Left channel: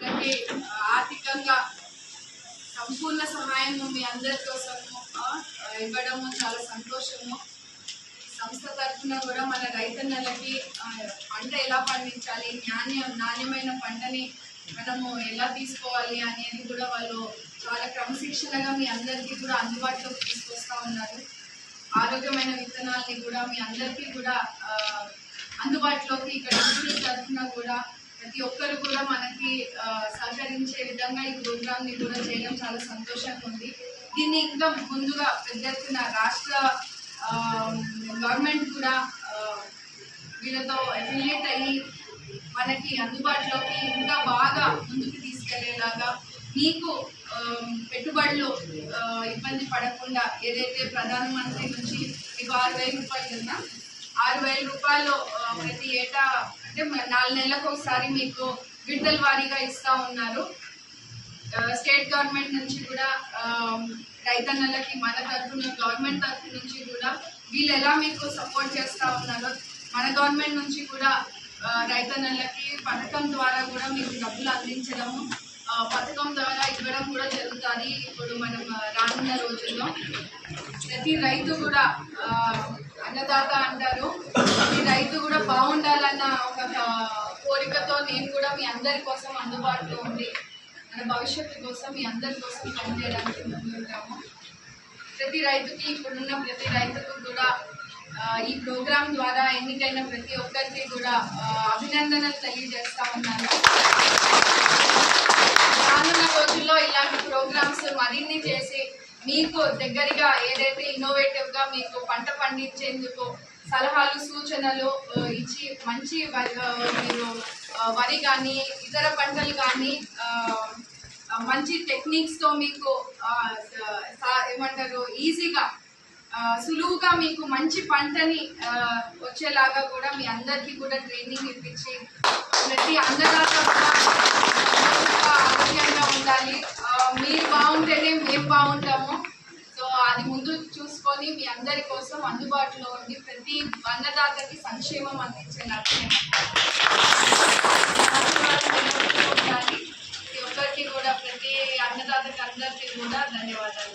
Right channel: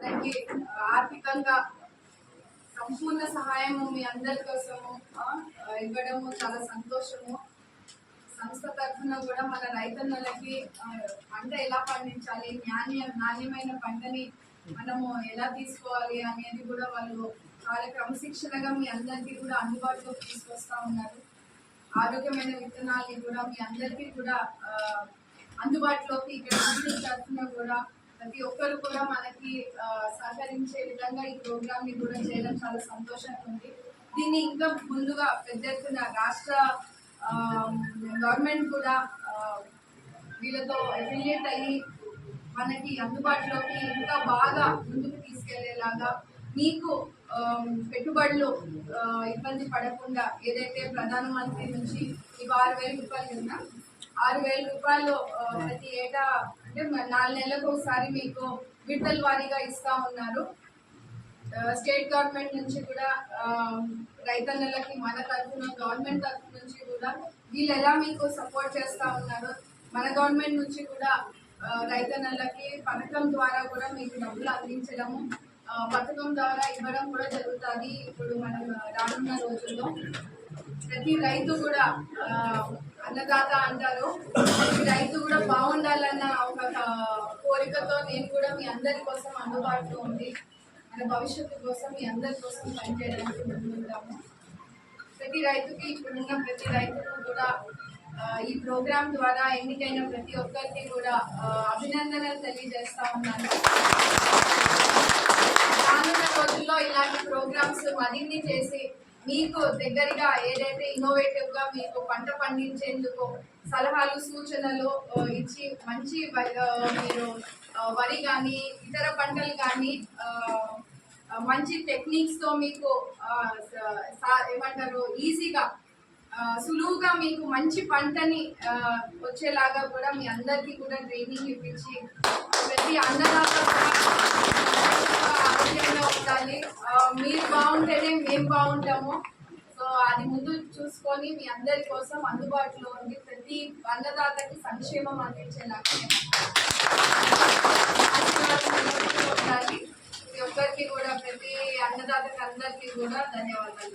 అలాగే ఆర్థికంగా సంపూర్ణ సహాయము మీ అందరి కోసము ఇవ్వడము చాలా సంతోషము. సంస్థ తరఫున కూడా మన రైతన్నలకి పంట ఎలా పండించాలి, నాణ్యమైన పంటని మనము ఎలా తీసుకోవాలి అనేది కూడా వాళ్ళు చాలా క్రమశిక్షణగా మీ అందరికీ కూడా అందుబాటులోకి తీసుకొస్తూ ఉన్నారు. ఆరోగ్యమైన విత్తనాలని కూడా మీ అందరికీ కూడా అందుబాటులోకి ఇక్కడ ఇన్స్టిట్యూట్ తరఫున కూడా ప్రతి ఒక్కరు కూడా మనకి సహకరించే విధంగా ఈ ప్రోగ్రామ్ని కూడా చేయడం చాలా సంతోషంగా ఉంది. దీన్ని ఇంకా ముందుగా పెద్ద ఎత్తున రాష్ట్ర గవర్నమెంట్ కూడా వీళ్ళతో అఫిలియేట్ అయ్యి మనకి అందుబాటులోకి ఇంకా బాగా ముందుకు తీసుకెళ్లేలాగా మీకు పెట్టుబడులు ఇబ్బంది పడకుండా ఏదైతే ప్రధానమంత్రి నుంచి మీకు 6,000 రూపాయలు కదా, 6,000 రూపాయలు ప్రతి ఏటా అంటే 4 నెలలకు ఒకసారి మీకు విడతల వారీగా ఇస్తూ ఉన్నారు. స్టేట్ గవర్నమెంట్ నుంచి కూడా రైతన్నలకి మన తరఫున గవర్నమెంట్ తరఫు నుంచి కూడా వీళ్ళు ఎలా మీకు సపోర్ట్ చేస్తూ ఉన్నారో మన గవర్నమెంట్ నుంచి కూడా రైతన్నలకి పథకం ద్వారా కూడా మీకు డబ్బులు అందించడము, పథకం ద్వారా ఇవ్వడం కూడా జరుగుతుంది. ఇప్పుడు మనం రానున్న రోజుల్లో ప్రతి రైతు కూడా అన్నదాత అంటారు, ప్రతి రైతు కూడా బాగుండాలన్న ఒక కోరికతో నేను కూడా మీ అందరి కోసం అందుబాటులో ఉంది, మన భవిష్యత్తు కోసం మీ అందరి కోసం పనిచేయడానికి ముందుంటాము. ప్రతి రైతుకి ఇప్పుడున్న ప్రతి రైతుకు కూడా ఈ ప్రోగ్రాం ద్వారా ఎన్నికైన ప్రతి ఒక్కరికి కూడా అభినందనలు తెలియజేస్తా ఉన్నాను. రానున్న రోజుల్లో ఇలాంటి ప్రోగ్రామ్స్ మరిన్ని చేసి మీకు దగ్గరగా ఏదైతే ఇన్నోవేటివ్గా మీకు పంట పండించేందుకు సలహాలు సూచనలు ఇచ్చి మంచి మీరు వరి కానీ ఇతర పంటలు కానీ మంచి టెక్నిక్స్తో మీకు ఏమంటారు ఈజీగా సులువుగా మీకు మంచి పంటని వచ్చేలాగా కూడా మీ అందరికీ కూడా ట్రైనింగ్ ఇప్పించి ప్రతి అన్నదాత ఆరోగ్యంగా ఉండాలి, మీరు బాగుంటేనే మేము బాగుంటాము. సో అది ముందు చూసుకొని మీ అందరి కోసం అందుబాటులో ఉండి ప్రతి అన్నదాతకి సంక్షేమం అందించే లక్ష్యం ఉండాలి. ప్రతి ఒక్కరికి కూడా ప్రతి అన్నదాతకి అందరికీ కూడా ధన్యవాదాలు.